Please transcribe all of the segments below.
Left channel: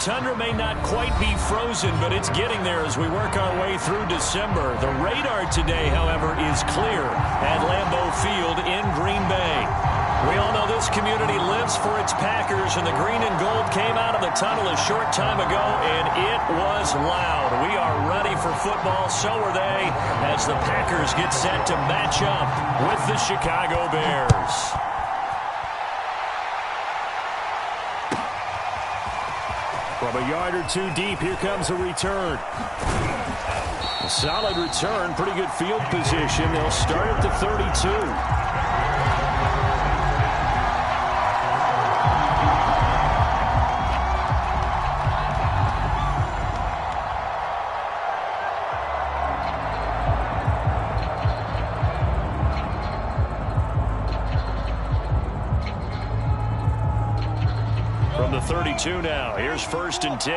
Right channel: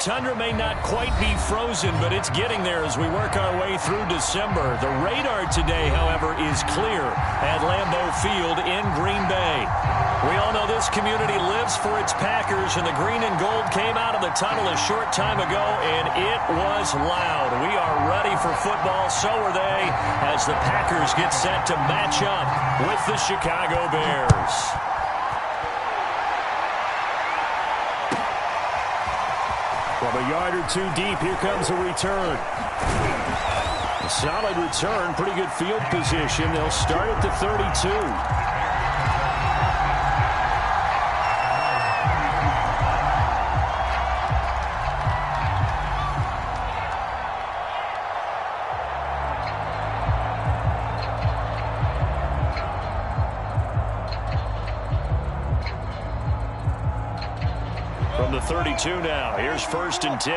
tundra may not quite be frozen, but it's getting there as we work our way through December. The radar today, however, is clear at Lambeau Field in Green Bay. We all know this community lives for its Packers, and the green and gold came out of the tunnel a short time ago, and it was loud. We are ready for football, so are they, as the Packers get set to match up with the Chicago Bears. From a yard or two deep, here comes a return. A solid return, pretty good field position. They'll start at the 32. From the 32 now, here's 1st and 10.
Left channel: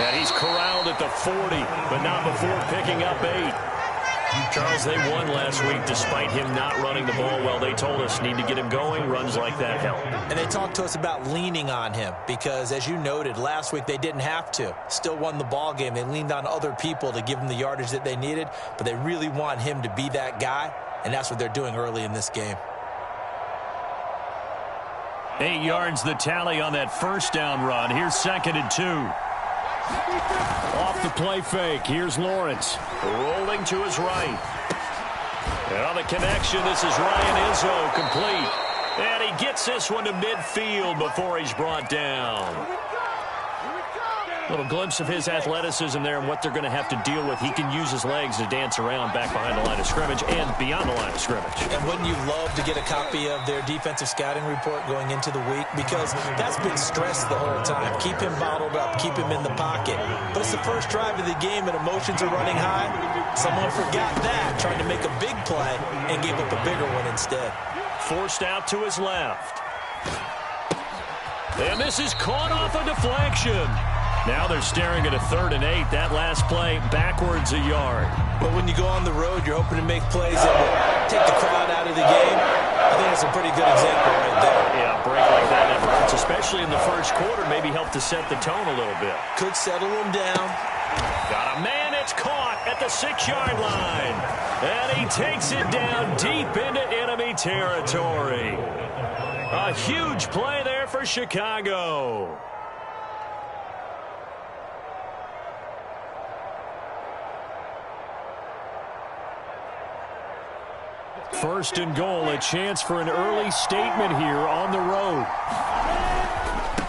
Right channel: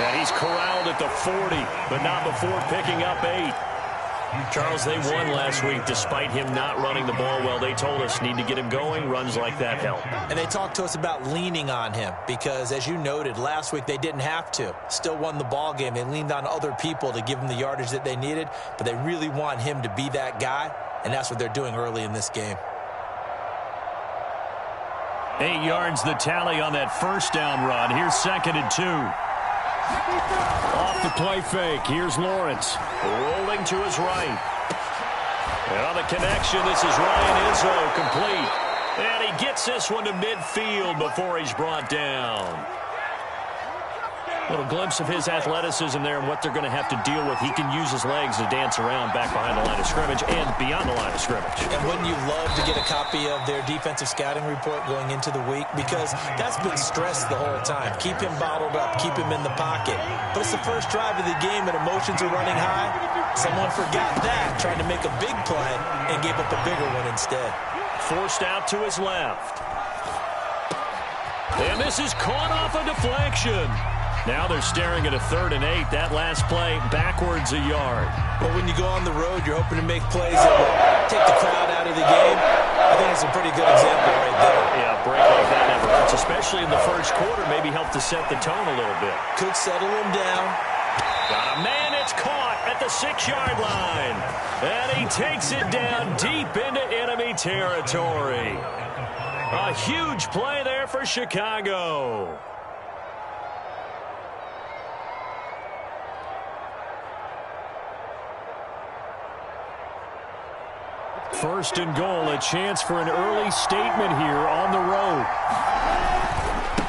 And he's corralled at the 40, but not before picking up 8. Charles, they won last week despite him not running the ball well. They told us need to get him going. Runs like that help. And they talked to us about leaning on him because, as you noted, last week they didn't have to. Still won the ball game. They leaned on other people to give them the yardage that they needed, but they really want him to be that guy, and that's what they're doing early in this game. 8 yards the tally on that first down run. Here's 2nd and 2. Off the play fake. Here's Lawrence. Rolling to his right. And on the connection, this is Ryan Izzo, complete. And he gets this one to midfield before he's brought down. Little glimpse of his athleticism there and what they're going to have to deal with. He can use his legs to dance around back behind the line of scrimmage and beyond the line of scrimmage. And wouldn't you love to get a copy of their defensive scouting report going into the week? Because that's been stressed the whole time. Keep him bottled up. Keep him in the pocket. But it's the first drive of the game and emotions are running high. Someone forgot that, trying to make a big play and gave up a bigger one instead. Forced out to his left. And this is caught off a deflection. Now they're staring at a 3rd and 8. That last play backwards a yard. But when you go on the road, you're hoping to make plays that will take the crowd out of the game. I think it's a pretty good example right there. Yeah, a break like that never hurts, especially in the first quarter. Maybe help to set the tone a little bit. Could settle him down. Got a man. It's caught at the 6-yard line. And he takes it down deep into enemy territory. A huge play there for Chicago. 1st and goal, a chance for an early statement here on the road.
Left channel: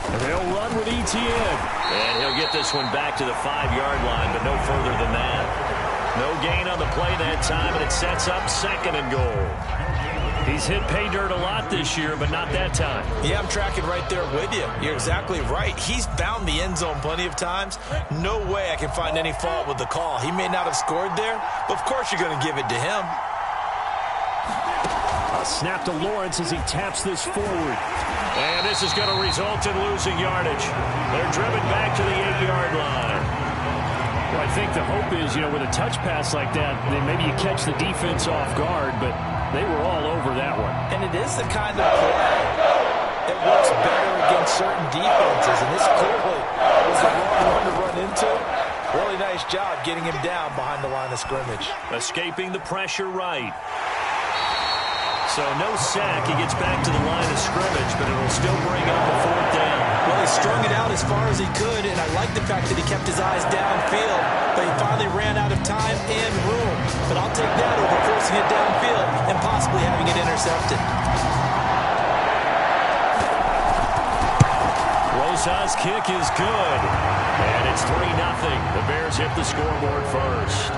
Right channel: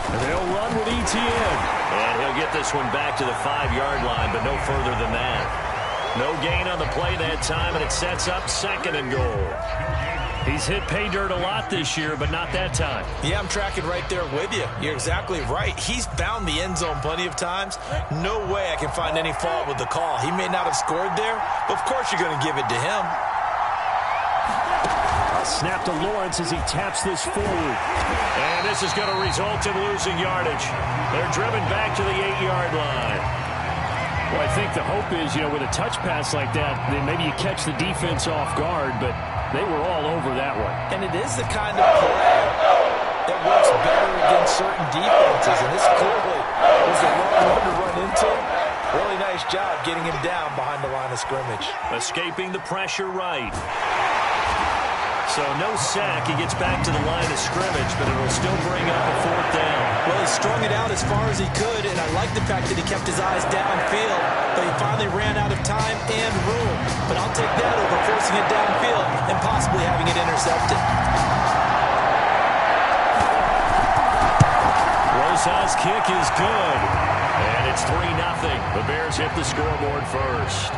And they'll run with Etienne. And he'll get this one back to the 5-yard line, but no further than that. No gain on the play that time, and it sets up 2nd and goal. He's hit pay dirt a lot this year, but not that time. Yeah, I'm tracking right there with you. You're exactly right. He's found the end zone plenty of times. No way I can find any fault with the call. He may not have scored there, but of course you're going to give it to him. A snap to Lawrence as he taps this forward. And this is going to result in losing yardage. They're driven back to the 8-yard line. Well, I think the hope is, with a touch pass like that, then maybe you catch the defense off guard, but they were all over that one. And it is the kind of play that works better against certain defenses, and this clearly was the wrong one to run into. Really nice job getting him down behind the line of scrimmage. Escaping the pressure right. So no sack. He gets back to the line of scrimmage, but it'll still bring up a 4th down. Well, he strung it out as far as he could, and I like the fact that he kept his eyes downfield, but he finally ran out of time and room. But I'll take that over forcing it downfield and possibly having it intercepted. Rosas' kick is good, and it's 3-0. The Bears hit the scoreboard first.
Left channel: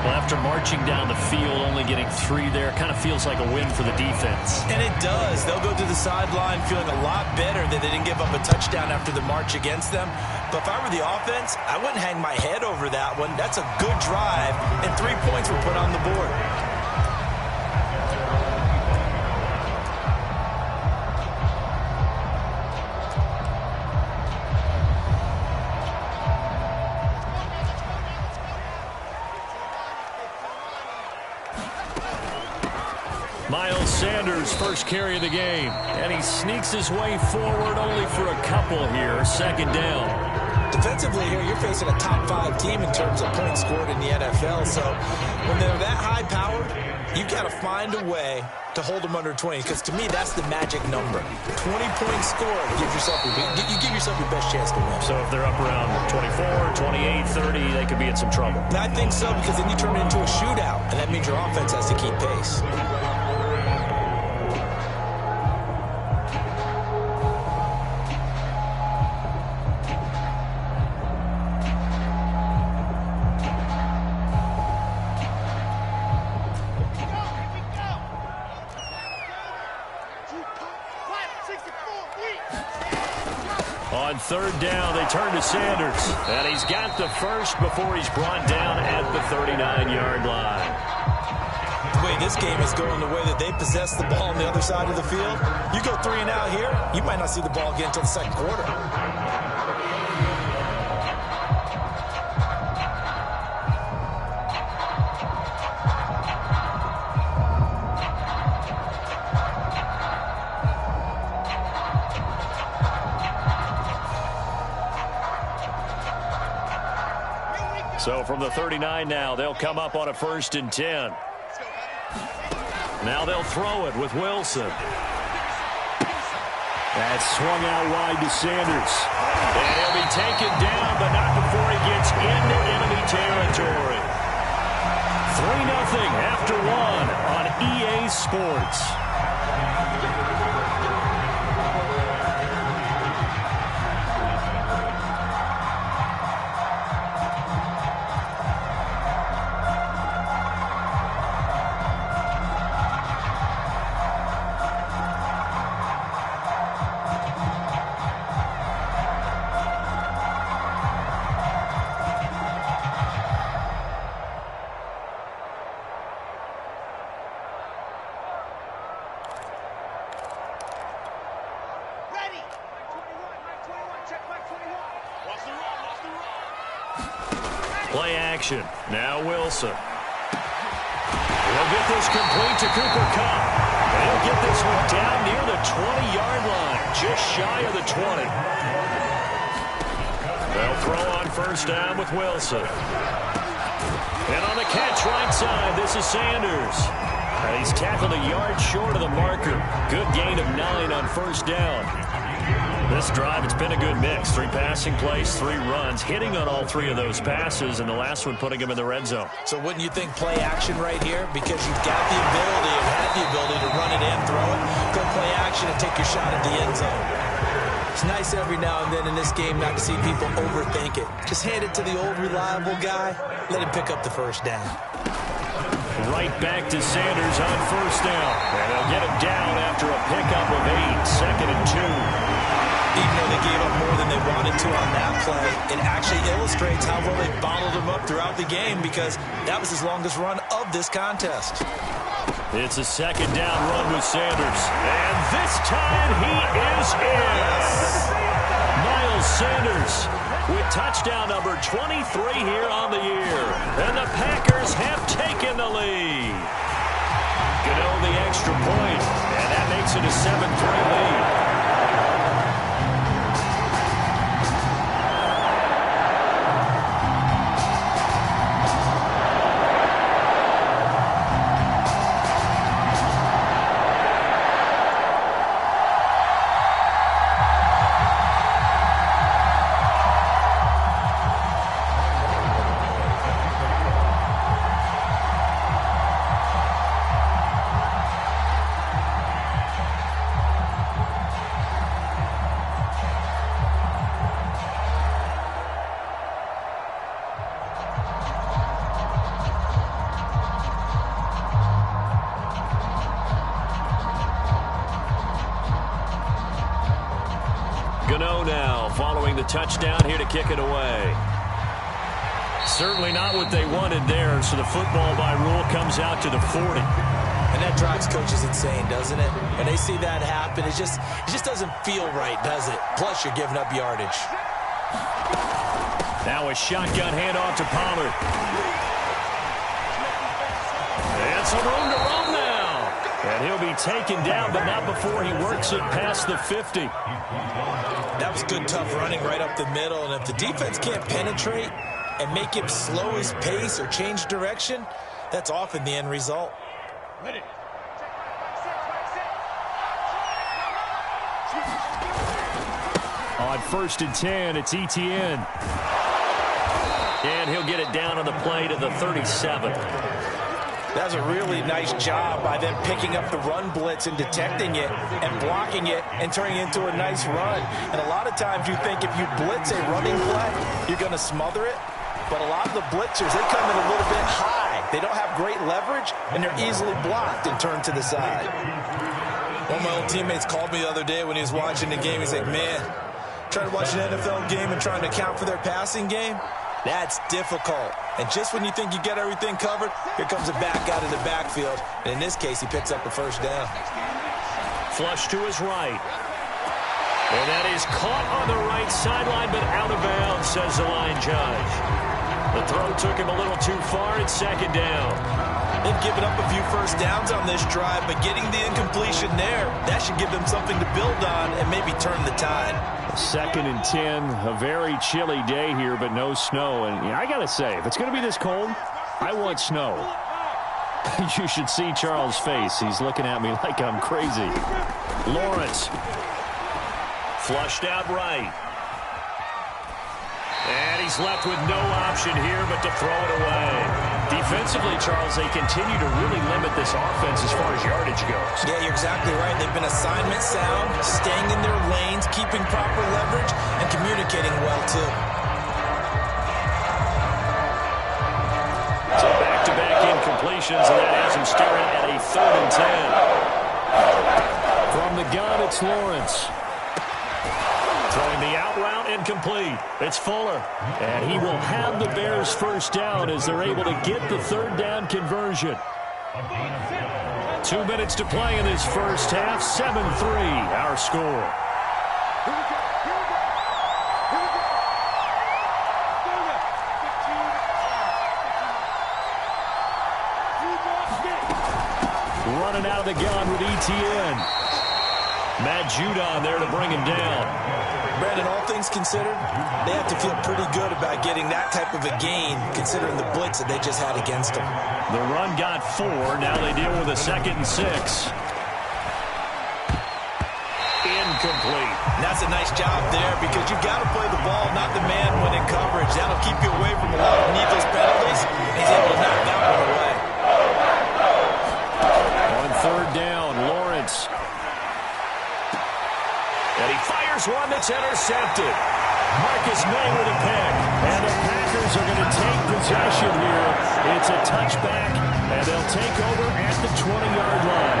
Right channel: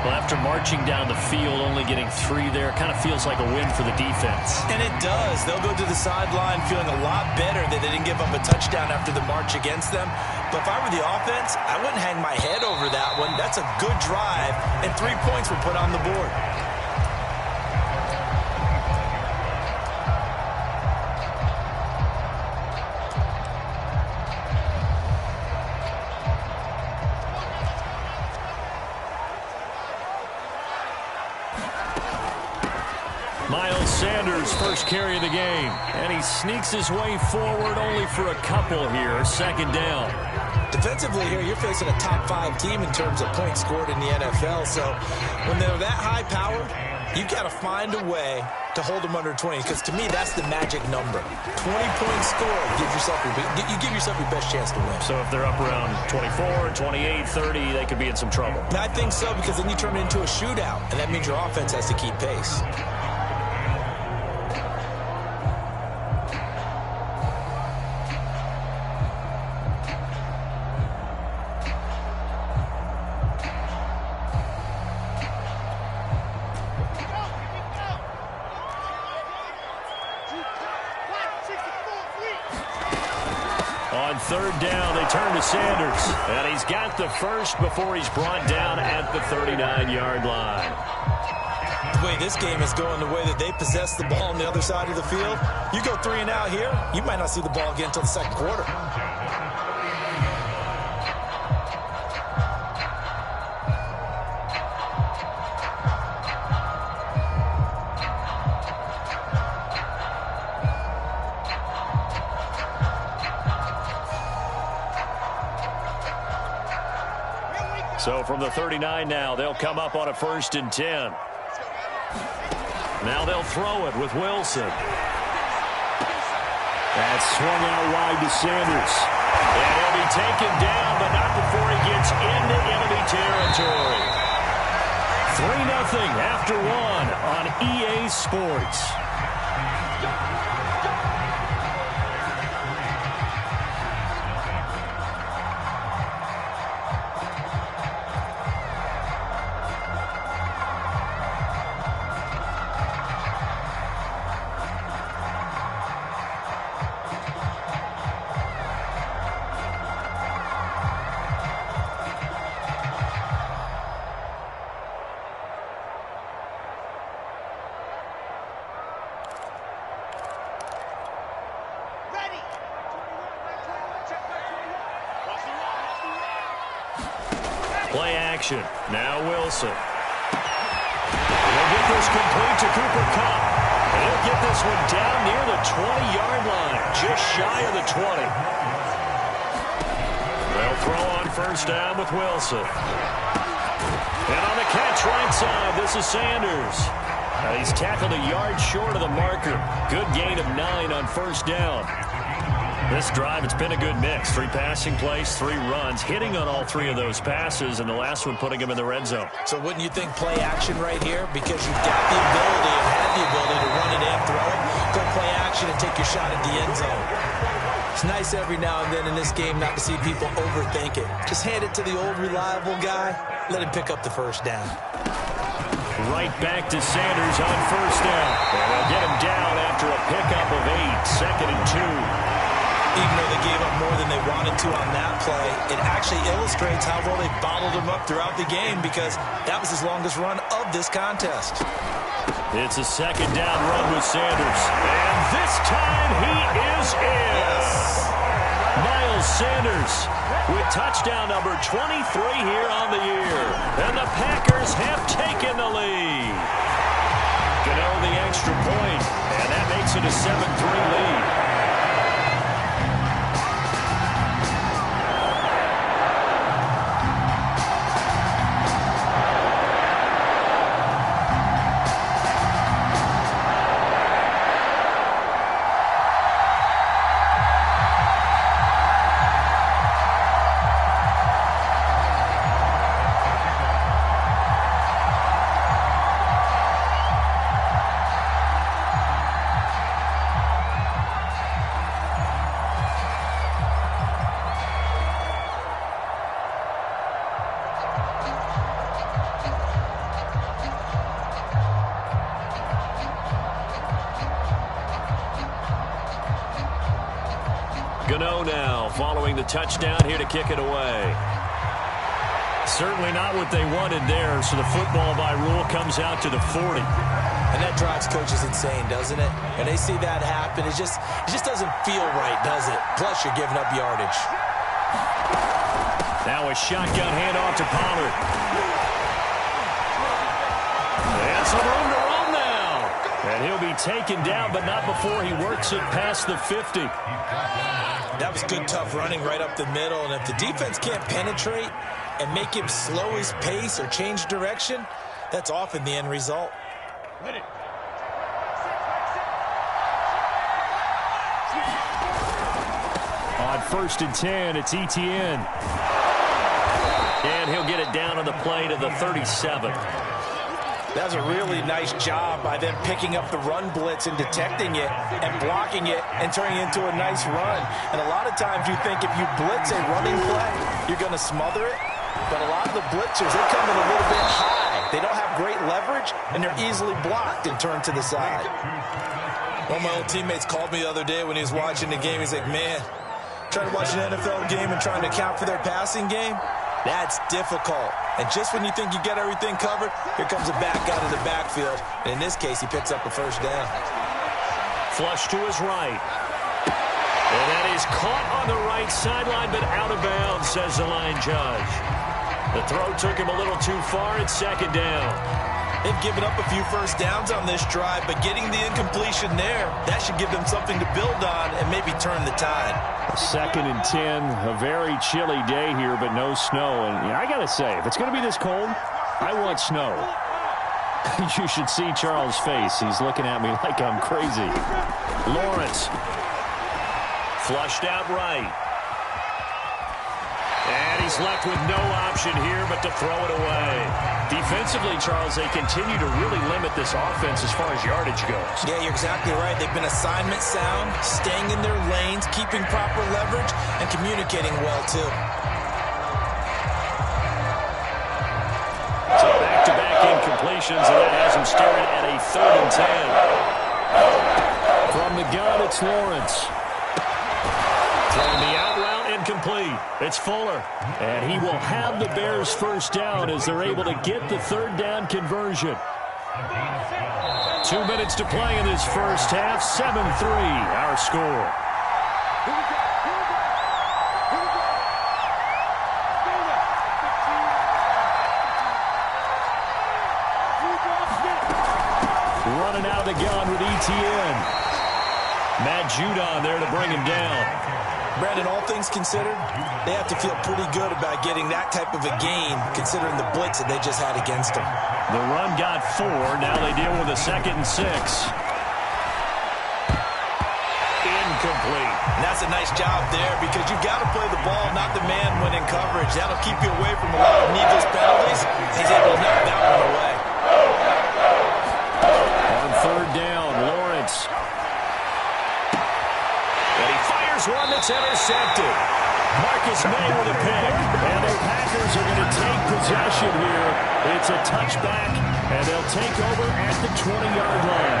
Well, after marching down the field, only getting 3 there, kind of feels like a win for the defense. And it does. They'll go to the sideline feeling a lot better that they didn't give up a touchdown after the march against them. But if I were the offense, I wouldn't hang my head over that one. That's a good drive, and 3 points were put on the board. Miles Sanders, first carry of the game. And he sneaks his way forward only for a couple here. Second down. Defensively here, you're facing a top 5 team in terms of points scored in the NFL. So when they're that high-powered, you've got to find a way to hold them under 20, because to me, that's the magic number. 20 points scored, you give yourself your best chance to win. So if they're up around 24, 28, 30, they could be in some trouble. I think so, because then you turn it into a shootout, and that means your offense has to keep pace. On third down, they turn to Sanders. And he's got the first before he's brought down at the 39-yard line. The way this game is going, the way that they possess the ball on the other side of the field, you go 3 and out here, you might not see the ball again until the second quarter. So from the 39 now, they'll come up on a 1st and 10. Now they'll throw it with Wilson. That's swung out wide to Sanders. And he'll be taken down, but not before he gets into enemy territory. 3-0 after 1 on EA Sports. Play action. Now Wilson. He'll get this complete to Cooper Kupp. And he'll get this one down near the 20-yard line, just shy of the 20. They'll throw on first down with Wilson. And on the catch right side, this is Sanders. And he's tackled a yard short of the marker. Good gain of 9 on first down. This drive, it's been a good mix. 3 passing plays, 3 runs, hitting on all 3 of those passes, and the last one putting him in the red zone. So wouldn't you think play action right here? Because you've got the ability and had the ability to run it and throw it. Go play action and take your shot at the end zone. It's nice every now and then in this game not to see people overthink it. Just hand it to the old reliable guy. Let him pick up the first down. Right back to Sanders on first down. And they'll get him down after a pickup of 8, 2nd and 2. Even though they gave up more than they wanted to on that play, it actually illustrates how well they bottled him up throughout the game, because that was his longest run of this contest. It's a 2nd down run with Sanders. And this time he is in. Yes. Miles Sanders with touchdown number 23 here on the year. And the Packers have taken the lead. Gano the extra point, and that makes it a 7-3 lead. Gano now following the touchdown here to kick it away. Certainly not what they wanted there, so the football by rule comes out to the 40. And that drives coaches insane, doesn't it? When they see that happen, it just doesn't feel right, does it? Plus, you're giving up yardage. Now a shotgun handoff to Pollard. And some room to roam now. And he'll be taken down, but not before he works it past the 50. That was good, tough running right up the middle. And if the defense can't penetrate and make him slow his pace or change direction, that's often the end result. Ready. On 1st and 10, it's Etienne. And he'll get it down on the play to the 37. That's a really nice job by them picking up the run blitz and detecting it and blocking it and turning it into a nice run. And a lot of times you think if you blitz a running play, you're going to smother it. But a lot of the blitzers, they come in a little bit high. They don't have great leverage, and they're easily blocked and turned to the side. One of my old teammates called me the other day when he was watching the game. He's like, man, trying to watch an NFL game and trying to account for their passing game, that's difficult. And just when you think you get everything covered, here comes a back out of the backfield. And in this case, he picks up a first down. Flush to his right. And that is caught on the right sideline, but out of bounds, says the line judge. The throw took him a little too far. It's 2nd down. They've given up a few first downs on this drive, but getting the incompletion there, that should give them something to build on and maybe turn the tide. 2nd and 10, a very chilly day here, but no snow. And I got to say, if it's going to be this cold, I want snow. You should see Charles' face. He's looking at me like I'm crazy. Lawrence. Flushed out right. And he's left with no option here but to throw it away. Defensively, Charles, they continue to really limit this offense as far as yardage goes. Yeah, you're exactly right. They've been assignment sound, staying in their lanes, keeping proper leverage, and communicating well, too. So back-to-back incompletions, and that has him staring at a 3rd and 10. From the gun, it's Lawrence. Throwing the out route, incomplete. It's Fuller. And he will have the Bears first down as they're able to get the 3rd down conversion. 2 minutes to play in this first half. 7-3, our score. Running out of the gun with Etienne. Matt Judon there to bring him down. Brandon, all things considered, they have to feel pretty good about getting that type of a gain, considering the blitz that they just had against them. The run got 4. Now they deal with a 2nd and 6. Incomplete. And that's a nice job there because you've got to play the ball, not the man when in coverage. That'll keep you away from a lot of needless penalties. He's able to knock that one away. On 3rd down, Lawrence. And he fires one that's intercepted. Marcus May with a pick. And the Packers are going to take possession here. It's a touchback, and they'll take over at the 20-yard line.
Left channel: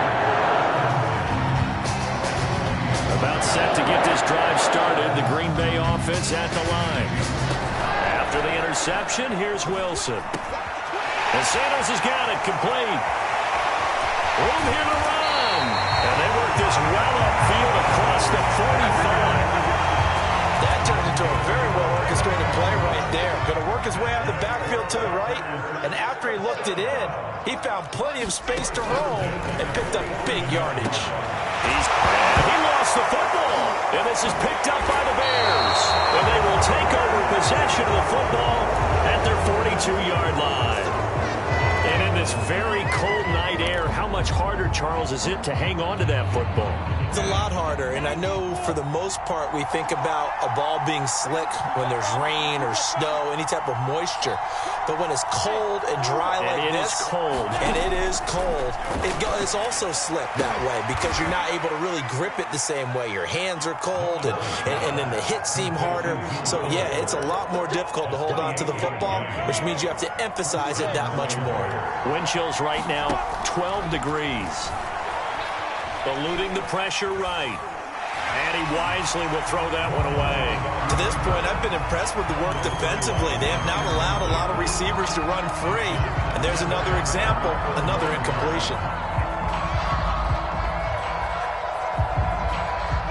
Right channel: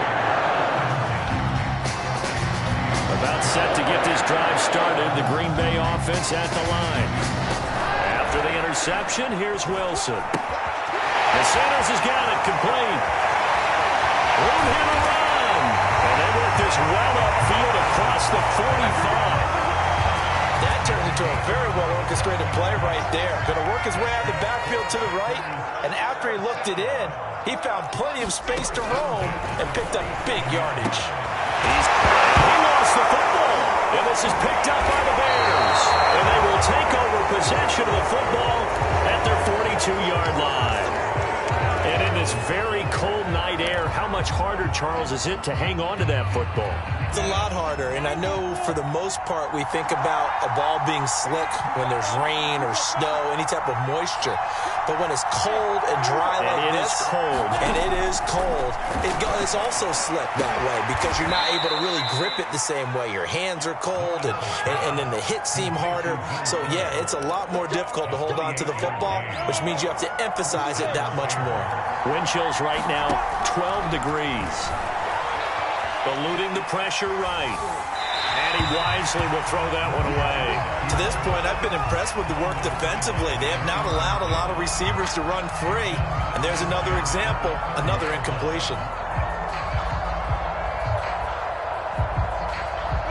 About set to get this drive started. The Green Bay offense at the line. After the interception, here's Wilson. And Sanders has got it complete. Room here to run. And they work this well upfield across the 45. That turned into a very well-orchestrated play right there. Going to work his way out of the backfield to the right. And after he looked it in, he found plenty of space to roam and picked up big yardage. He lost the football. And this is picked up by the Bears. And they will take over possession of the football at their 42-yard line. And in this very cold night air, how much harder, Charles, is it to hang on to that football? It's a lot harder, and I know for the most part we think about a ball being slick when there's rain or snow, any type of moisture. But when it's cold and dry like this, and it is cold, it's also slick that way because you're not able to really grip it the same way. Your hands are cold, and then the hits seem harder. So, yeah, it's a lot more difficult to hold on to the football, which means you have to emphasize it that much more. Wind chills right now, 12 degrees. Eluding the pressure right. And he wisely will throw that one away. To this point, I've been impressed with the work defensively. They have not allowed a lot of receivers to run free. And there's another example, another incompletion.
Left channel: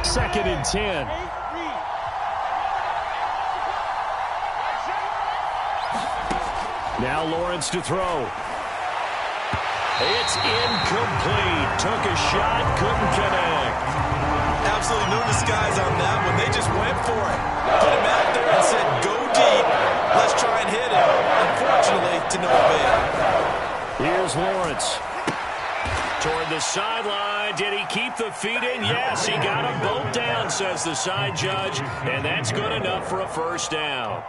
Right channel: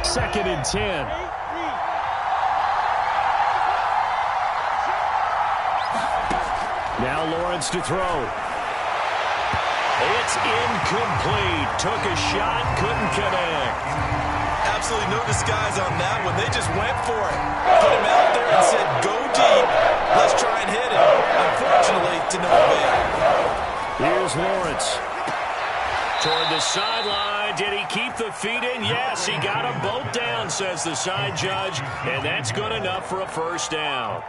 2nd and 10. Now Lawrence to throw. It's incomplete. Took a shot, couldn't connect. Absolutely no disguise on that one. They just went for it. Put him out there and said, go deep. Let's try and hit him. Unfortunately, to no avail. Here's Lawrence. Toward the sideline. Did he keep the feet in? Yes, he got them both down, says the side judge. And that's good enough for a first down.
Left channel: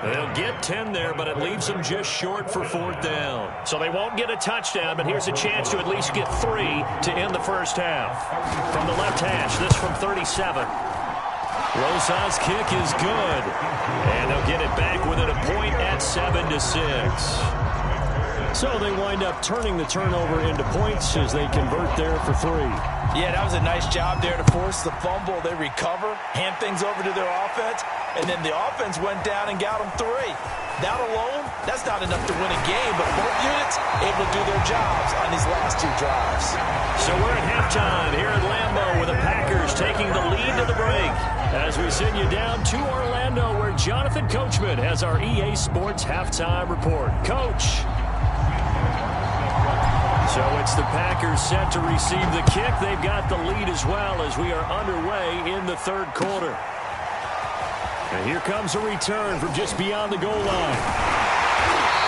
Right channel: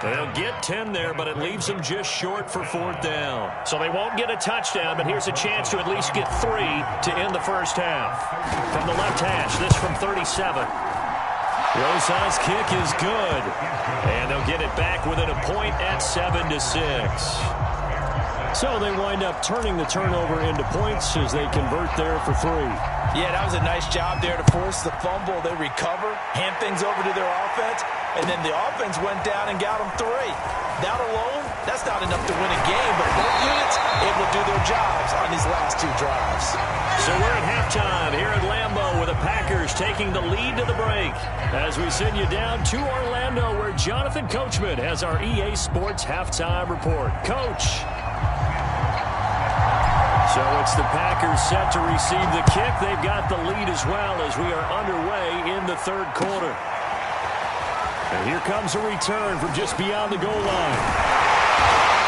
They'll get 10 there, but it leaves them just short for fourth down. So they won't get a touchdown, but here's a chance to at least get 3 to end the first half. From the left hash, this from 37. Rosas' kick is good. And they'll get it back within a point at 7-6. So they wind up turning the turnover into points as they convert there for 3. Yeah, that was a nice job there to force the fumble. They recover, hand things over to their offense, and then the offense went down and got them 3. That alone, that's not enough to win a game, but both units able to do their jobs on these last 2 drives. So we're at halftime here at Lambeau with the Packers taking the lead to the break. As we send you down to Orlando where Jonathan Coachman has our EA Sports halftime report. Coach. So it's the Packers set to receive the kick. They've got the lead as well as we are underway in the third quarter. And here comes a return from just beyond the goal line.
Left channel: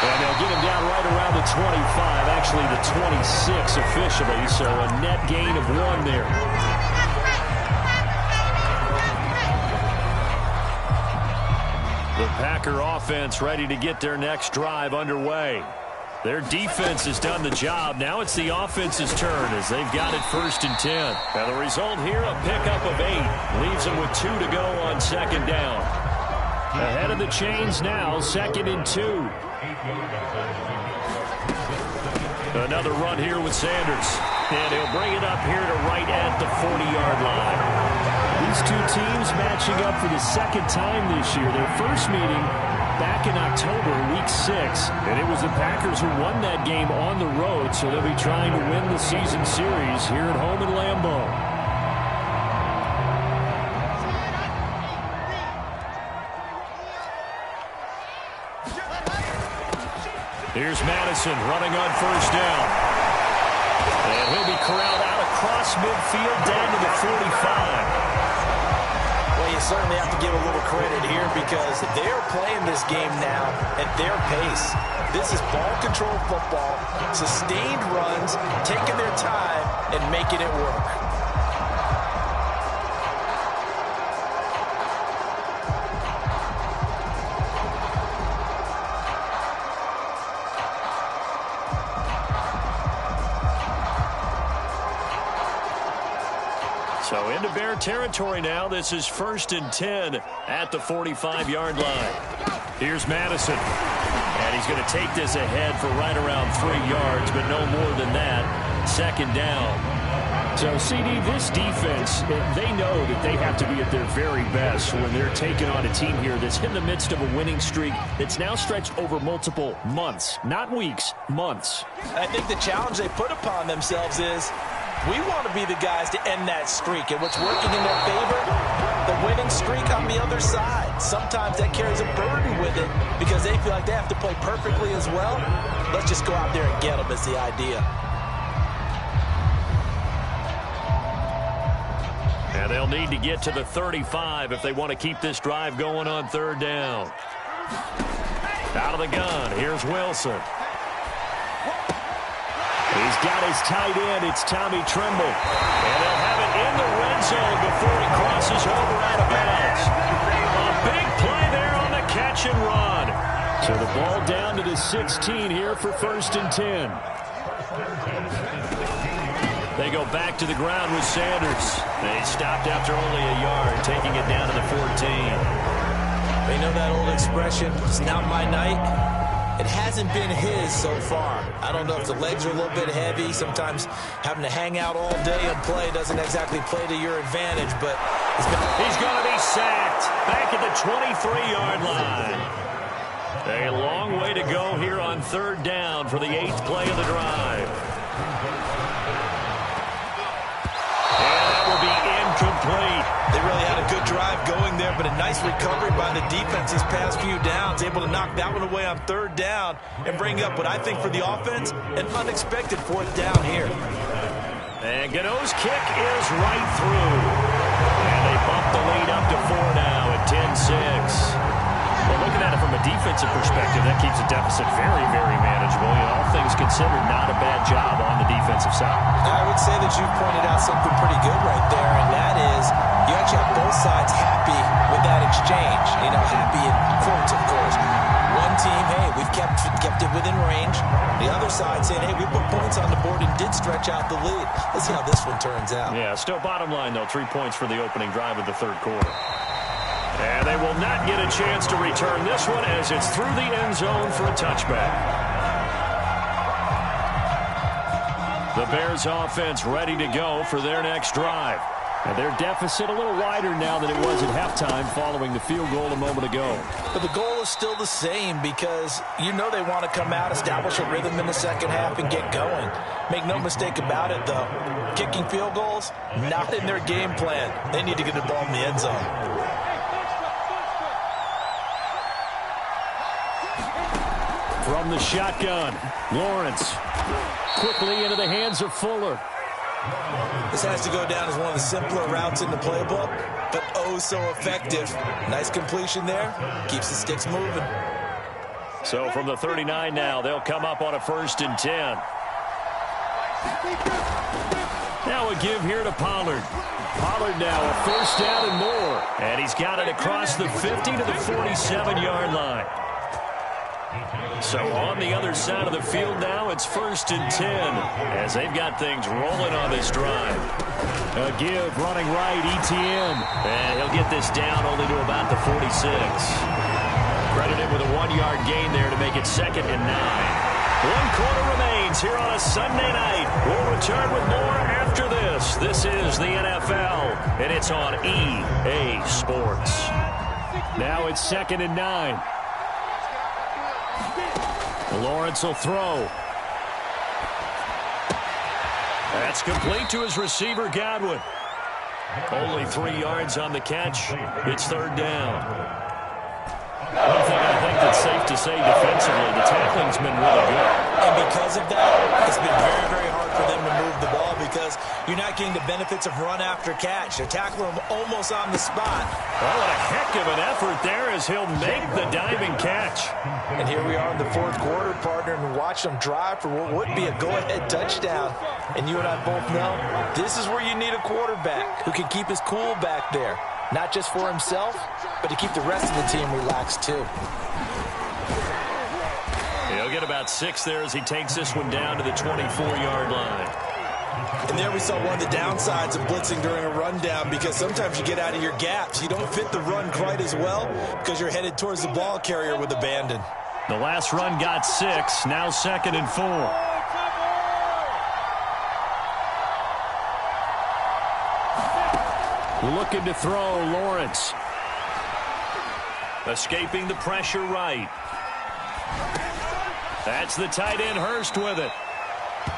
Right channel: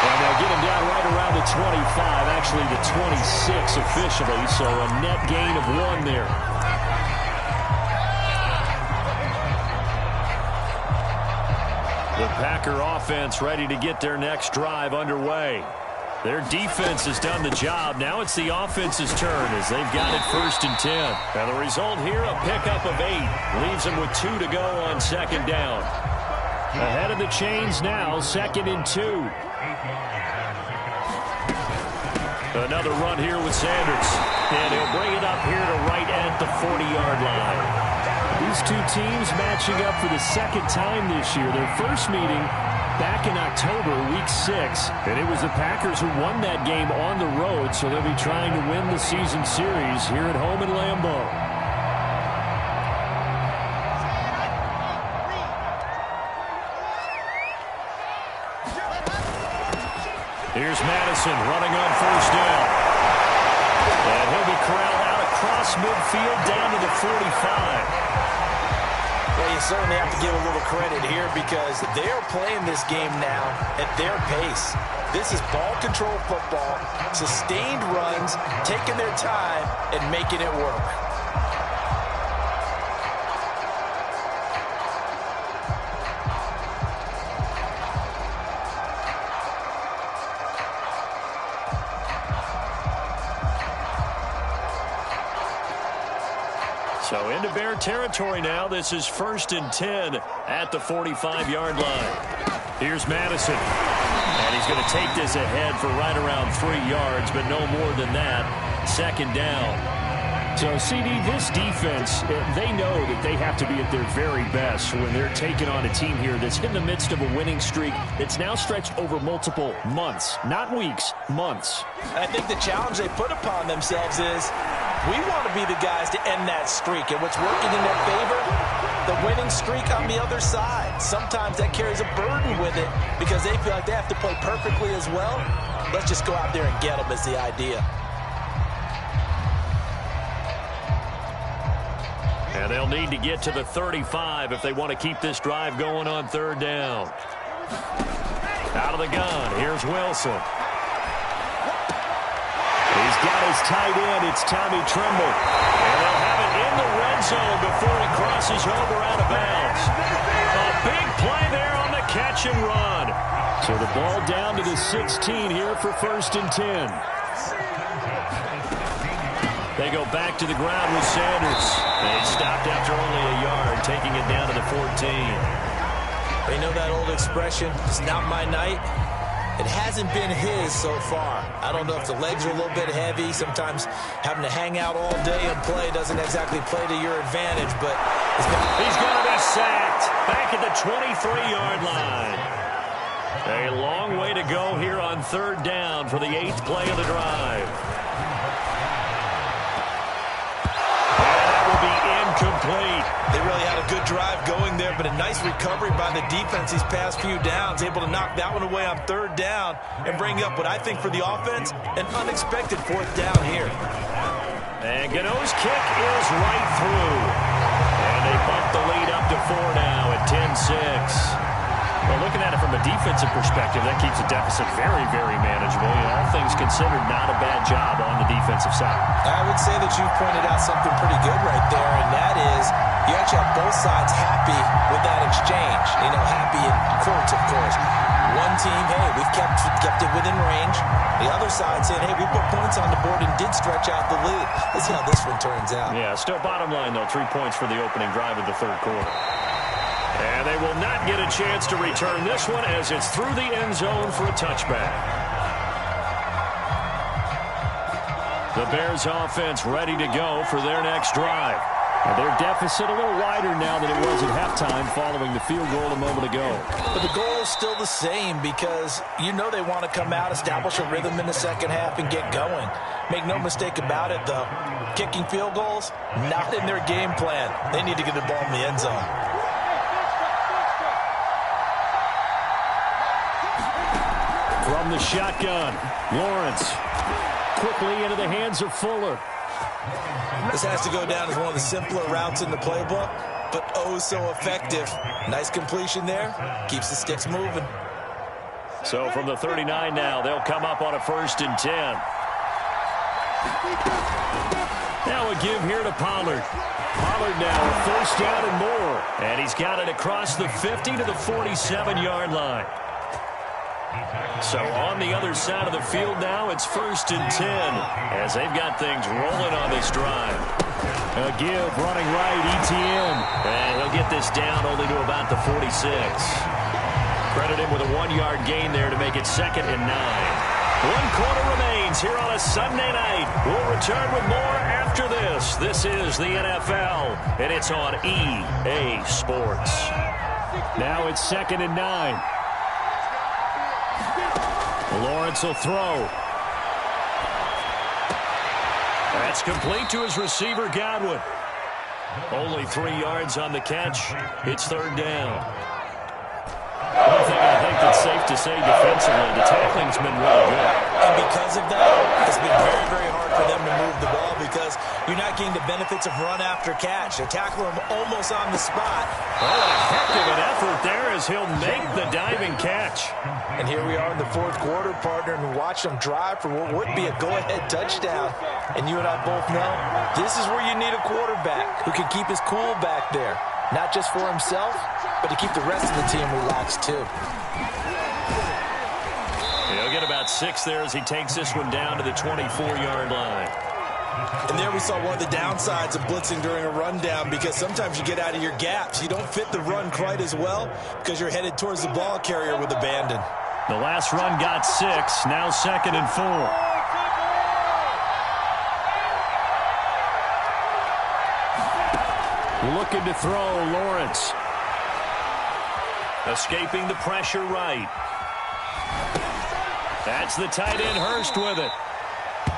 And they'll get him down right around the 25, actually the 26 officially, so a net gain of 1 there. The Packer offense ready to get their next drive underway. Their defense has done the job. Now it's the offense's turn as they've got it 1st and 10. And the result here, a pickup of 8. Leaves them with 2 to go on second down. Ahead of the chains now, 2nd and 2. Another run here with Sanders. And he'll bring it up here to right at the 40-yard line. These 2 teams matching up for the 2nd time this year. Their first meeting back in October, week 6, and it was the Packers who won that game on the road, so they'll be trying to win the season series here at home in Lambeau. Here's Madison running on 1st down. And he'll be corralled out across midfield down to the 45. Well, you certainly have to give a little credit here because they're playing this game now at their pace. This is ball control football, sustained runs, taking their time and making it work. So into Bear territory now. This is 1st and 10 at the 45-yard line. Here's Madison. And he's going to take this ahead for right around 3 yards, but no more than that. 2nd down. So, CD, this defense, they know that they have to be at their very best when they're taking on a team here that's in the midst of a winning streak that's now stretched over multiple months. Not weeks, months. I think the challenge they put upon themselves is we want to be the guys to end that streak. And what's working in their favor? The winning streak on the other side. Sometimes that carries a burden with it because they feel like they have to play perfectly as well. Let's just go out there and get them is the idea. And they'll need to get to the 35 if they want to keep this drive going on 3rd down. Out of the gun, here's Wilson. He's got his tight end. It's Tommy Tremble. And they'll have it in the red zone before he crosses over out of bounds. A big play there on the catch and run. So the ball down to the 16 here for 1st and 10. They go back to the ground with Sanders. They stopped after only a yard, taking it down to the 14. They know that old expression, it's not my night. It hasn't been his so far. I don't know if the legs are a little bit heavy. Sometimes having to hang out all day and play doesn't exactly play to your advantage, but he's going to be sacked back at the 23-yard line. A long way to go here on 3rd down for the 8th play of the drive. And that will be incomplete. They really had a good drive going there, but a nice recovery by the defense these past few downs, able to knock that one away on third down and bring up what I think for the offense, an unexpected fourth down here. And Gano's kick is right through. And they bump the lead up to 4 now at 10-6. Well, looking at it from a defensive perspective, that keeps the deficit very, very manageable. You know, all things considered, not a bad job on the defensive side. I would say that you've pointed out something pretty good right there, and that is you actually have both sides happy with that exchange. You know, happy in quotes, of course. One team, hey, we've kept it within range. The other side saying, hey, we put points on the board and did stretch out the lead. Let's see how this one turns out. Yeah, still bottom line, though, 3 points for the opening drive of the third quarter. And they will not get a chance to return this one as it's through the end zone for a touchback. The Bears offense ready to go for their next drive. And their deficit a little wider now than it was at halftime following the field goal a moment ago. But the goal is still the same because you know they want to come out, establish a rhythm in the second half, and get going. Make no mistake about it, though. Kicking field goals, not in their game plan. They need to get the ball in the end zone. From the shotgun, Lawrence quickly into the hands of Fuller. This has to go down as one of the simpler routes in the playbook, but oh so effective. Nice completion there. Keeps the sticks moving. So from the 39 now, they'll come up on a 1st and 10. Now a give here to Pollard. Pollard now a 1st down and more. And he's got it across the 50 to the 47-yard line. So on the other side of the field now, it's 1st and 10 as they've got things rolling on this drive. A give running right, Etienne. And he'll get this down only to about the 46. Credit him with a 1-yard gain there to make it 2nd and 9. 1 quarter remains here on a Sunday night. We'll return with more after this. This is the NFL, and it's on EA Sports. Now it's 2nd and 9. Lawrence will throw. That's complete to his receiver, Godwin. Only 3 yards on the catch. It's 3rd down. One thing I think that's safe to say defensively, the tackling's been really good. And because of that, it's been very, very hard for them to move the ball because you're not getting the benefits of run after catch. They're tackling him almost on the spot. Oh, what a heck of an effort there as he'll make the diving catch. And here we are in the 4th quarter, partner, and watch them drive for what would be a go-ahead touchdown. And you and I both know this is where you need a quarterback who can keep his cool back there. Not just for himself, but to keep the rest of the team relaxed, too. He'll get about 6 there as he takes this one down to the 24-yard line. And there we saw one of the downsides of blitzing during a rundown because sometimes you get out of your gaps. You don't fit the run quite as well because you're headed towards the ball carrier with abandon. The last run got 6, now 2nd and 4. Looking to throw, Lawrence. Escaping the pressure right. That's the tight end, Hurst, with it.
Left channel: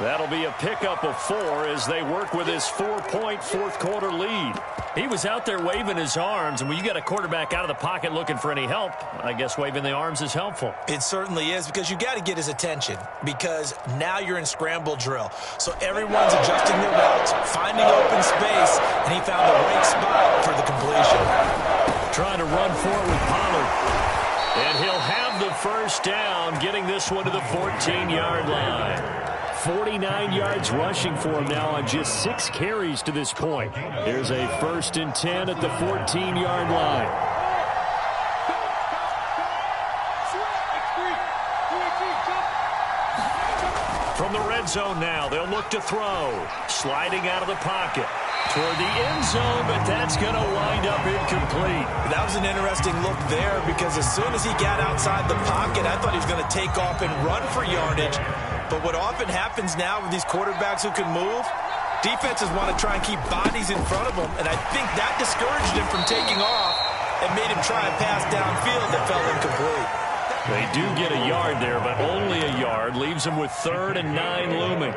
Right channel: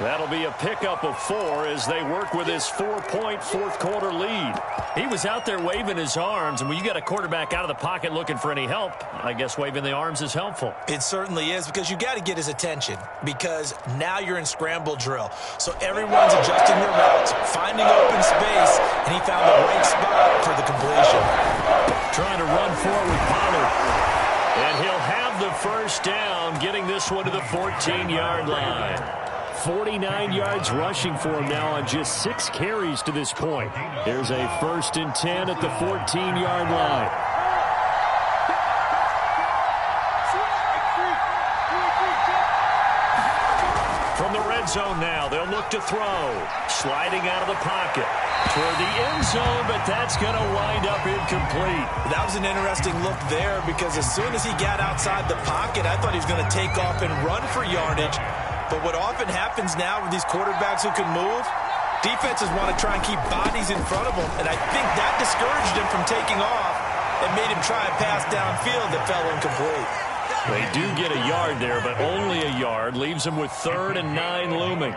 That'll be a pickup of 4 as they work with his 4-point 4th quarter lead. He was out there waving his arms, and when you got a quarterback out of the pocket looking for any help, I guess waving the arms is helpful. It certainly is because you got to get his attention because now you're in scramble drill. So everyone's adjusting their routes, finding open space, and he found the right spot for the completion. Trying to run forward with Pollard. And he'll have the 1st down, getting this one to the 14-yard line. 49 yards rushing for him now on just 6 carries to this point. Here's a 1st and 10 at the 14-yard line. From the red zone now, they'll look to throw. Sliding out of the pocket toward the end zone, but that's going to wind up incomplete. That was an interesting look there because as soon as he got outside the pocket, I thought he was going to take off and run for yardage. But what often happens now with these quarterbacks who can move, defenses want to try and keep bodies in front of them, and I think that discouraged him from taking off and made him try a pass downfield that fell incomplete. They do get a yard there, but only a yard. Leaves them with 3rd and 9 looming.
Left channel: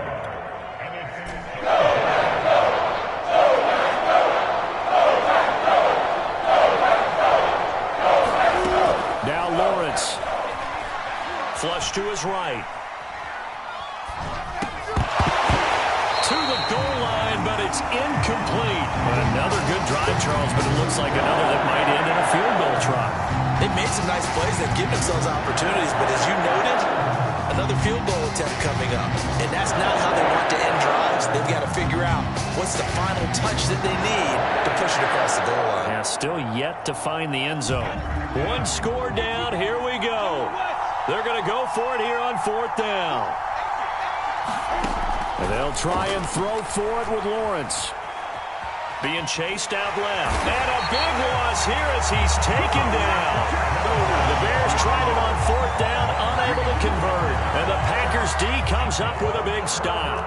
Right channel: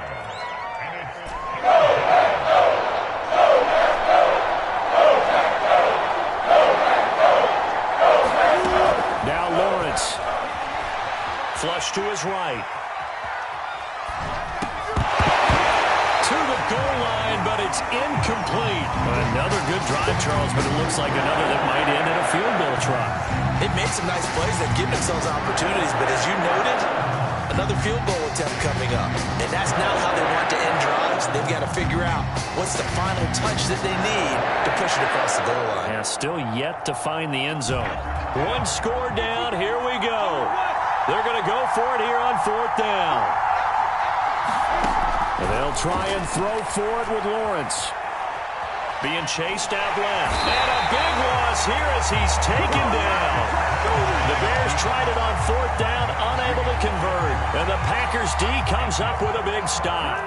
Flush to his right. To the goal line, but it's incomplete. Another good drive, Charles, but it looks like another that might end in a field goal try. They've made some nice plays. They've given themselves opportunities, but as you noted, another field goal attempt coming up. And that's not how they want to end drives. They've got to figure out what's the final touch that they need to push it across the goal line. Yeah, still yet to find the end zone. One score down. Here we go. They're going to go for it here on 4th down. And they'll try and throw for it with Lawrence. Being chased out left. And a big loss here as he's taken down. The Bears tried it on 4th down, unable to convert. And the Packers D comes up with a big stop.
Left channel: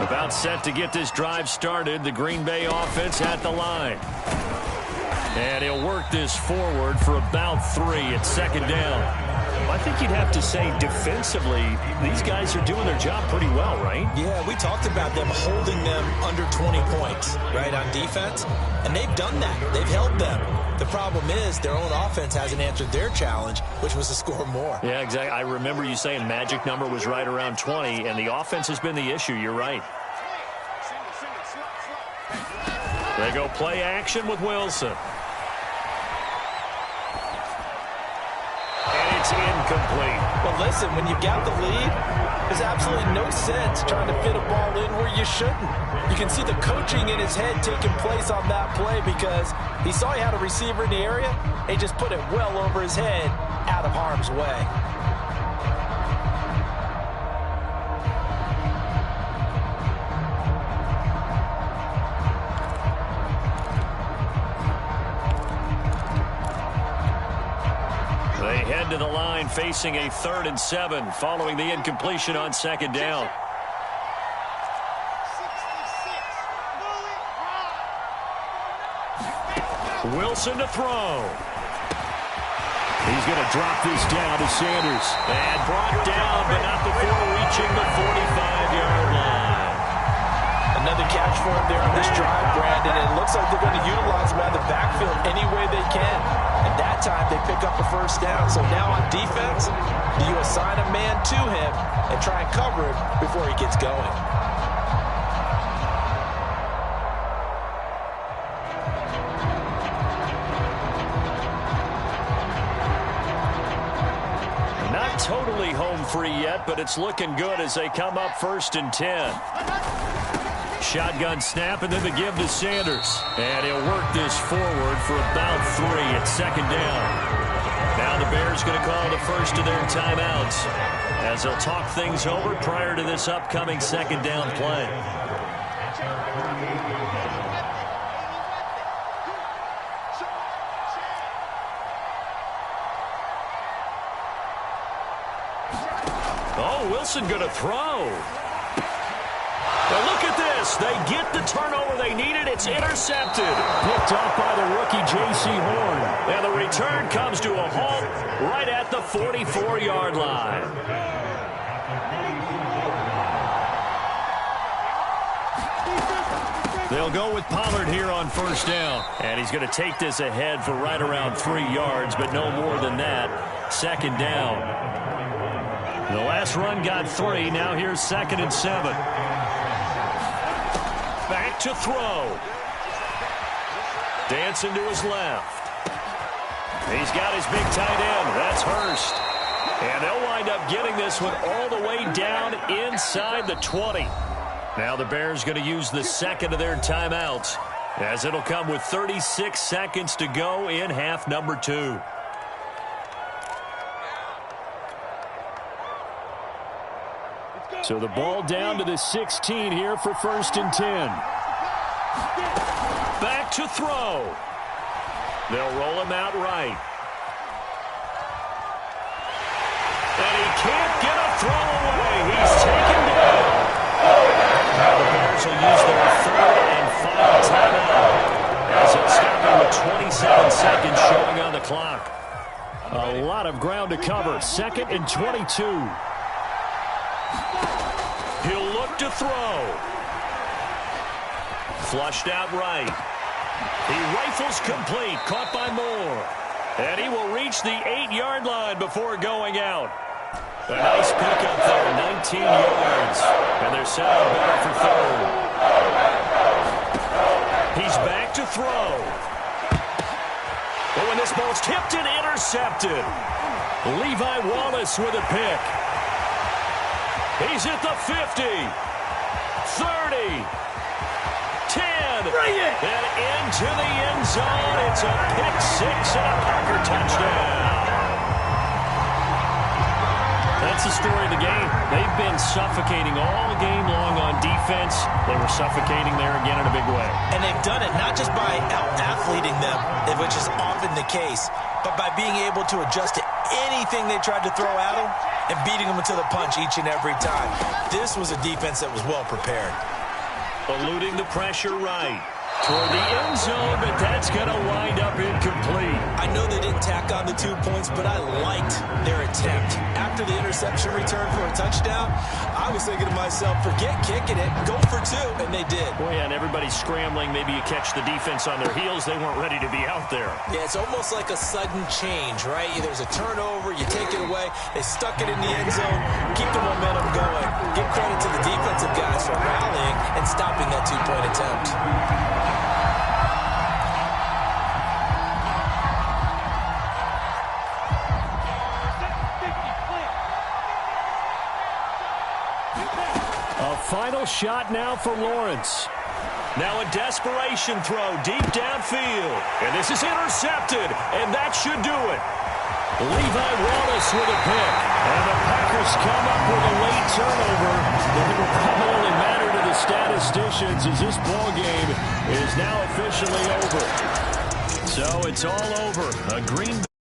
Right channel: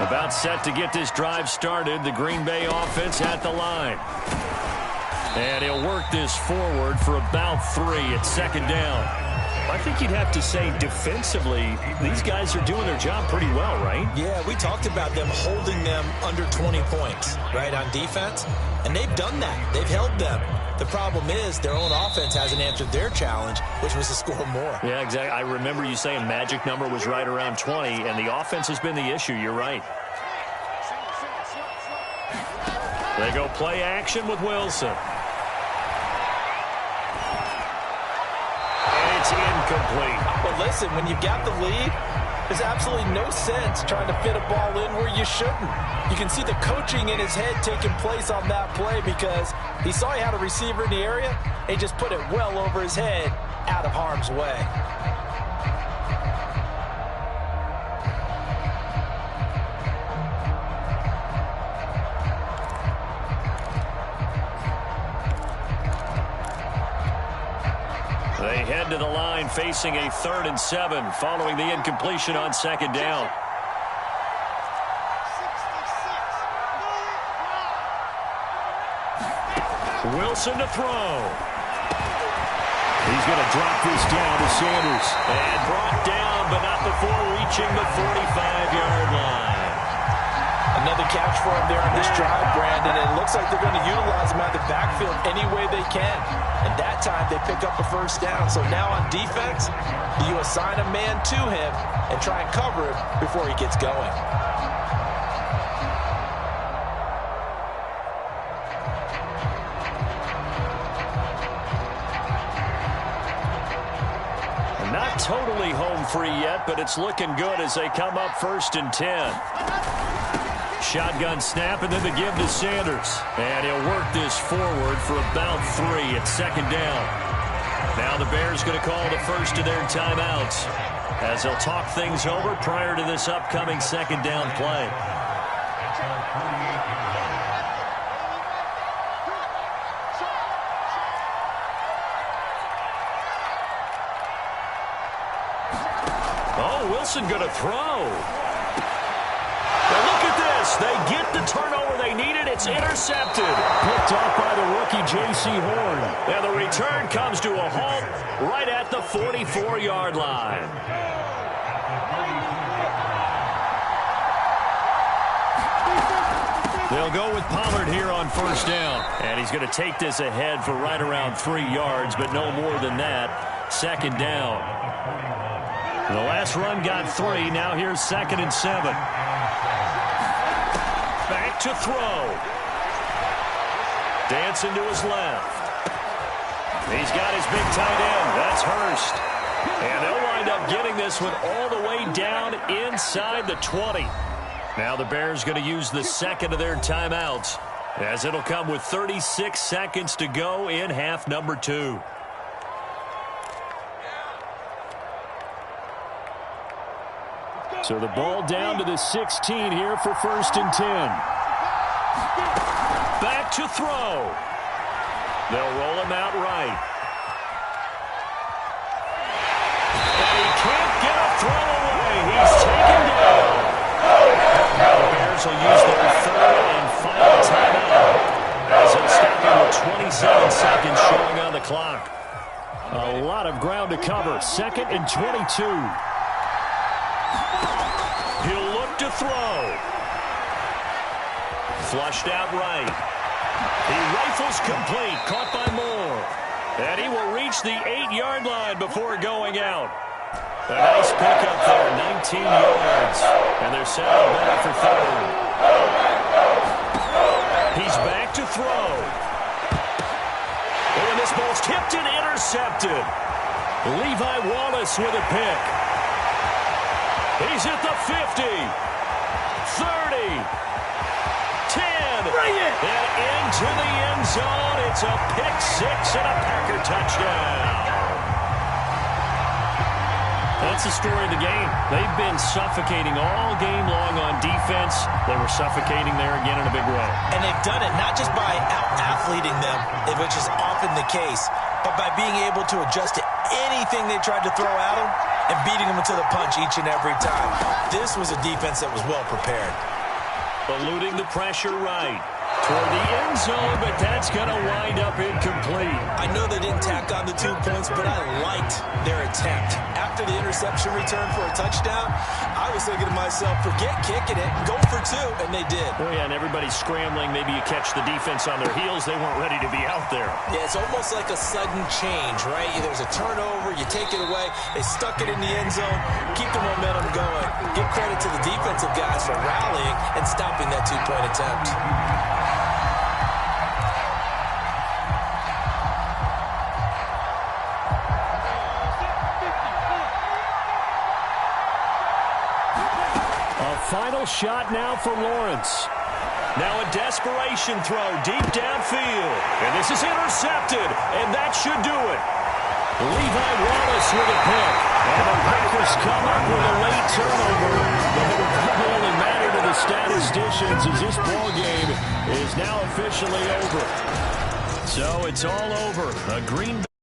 About set to get this drive started, the Green Bay offense at the line. And he'll work this forward for about 3 at 2nd down. I think you'd have to say defensively, these guys are doing their job pretty well, right? Yeah, we talked about them holding them under 20 points, right, on defense. And they've done that. They've held them. The problem is their own offense hasn't answered their challenge, which was to score more. Yeah, exactly. I remember you saying magic number was right around 20, and the offense has been the issue. You're right. They go play action with Wilson. It's incomplete. Well, listen, when you've got the lead, there's absolutely no sense trying to fit a ball in where you shouldn't. You can see the coaching in his head taking place on that play because he saw he had a receiver in the area and he just put it well over his head out of harm's way. They head to the line facing a 3rd and 7 following the incompletion on 2nd down. Wilson to throw. He's going to drop this down to Sanders. And brought down, but not before reaching the 45-yard line. Another catch for him there on this drive, Brandon, and it looks like they're going to utilize him out of the backfield any way they can. And that time they pick up a 1st down. So now on defense, do you assign a man to him and try and cover him before he gets going? Not totally home free yet, but it's looking good as they come up 1st and 10. Shotgun snap and then the give to Sanders. And he'll work this forward for about 3 at 2nd down. Now the Bears going to call the first of their timeouts as they'll talk things over prior to this upcoming 2nd down play. Oh, Wilson going to throw. Now look at this. They get the turnover they needed. It's intercepted. Picked off by the rookie J.C. Horn. And the return comes to a halt right at the 44-yard line. They'll go with Pollard here on 1st down. And he's going to take this ahead for right around 3 yards, but no more than that. 2nd down. The last run got 3. Now here's 2nd and 7. Back to throw. Dancing to his left. He's got his big tight end. That's Hurst. And they'll wind up getting this one all the way down inside the 20. Now the Bears going to use the 2nd of their timeouts as it'll come with 36 seconds to go in half number 2. So the ball down to the 16 here for 1st and 10. Back to throw. They'll roll him out right. And he can't get a throw away. He's taken down. Now the Bears will use their 3rd and final timeout as they'll stop him with 27 seconds showing on the clock. A lot of ground to cover. 2nd and 22. He'll look to throw. Flushed out right. He rifles complete. Caught by Moore. And he will reach the 8-yard line before going out. A nice pickup there, 19 yards. And they're set up better for third. He's back to throw. Oh, and this ball's tipped and intercepted. Levi Wallace with a pick. He's at the 50, 30, 10, Bring it! and into the end zone. It's a pick six and a Packer touchdown. That's the story of the game. They've been suffocating all game long on defense. They were suffocating there again in a big way. And they've done it not just by out-athleting them, which is often the case, but by being able to adjust to anything they tried to throw at them and beating them to the punch each and every time. This was a defense that was well prepared. Eluding the pressure right toward the end zone, but that's going to wind up incomplete. I know they didn't tack on the 2 points, but I liked their attempt. After the interception return for a touchdown, I was thinking to myself, forget kicking it, go for 2, and they did. Well, yeah, and everybody's scrambling. Maybe you catch the defense on their heels. They weren't ready to be out there. Yeah, it's almost like a sudden change, right? There's a turnover, you take it away, they stuck it in the end zone, keep the momentum going. Give credit to the defensive guys for rallying and stopping that 2-point attempt. Final shot now for Lawrence. Now a desperation throw deep downfield. And this is intercepted, and that should do it. Levi Wallace with a pick. And the Packers come up with a late turnover, but it will probably only matter to the statisticians as this ball game is now officially over. So it's all over. A Green Bay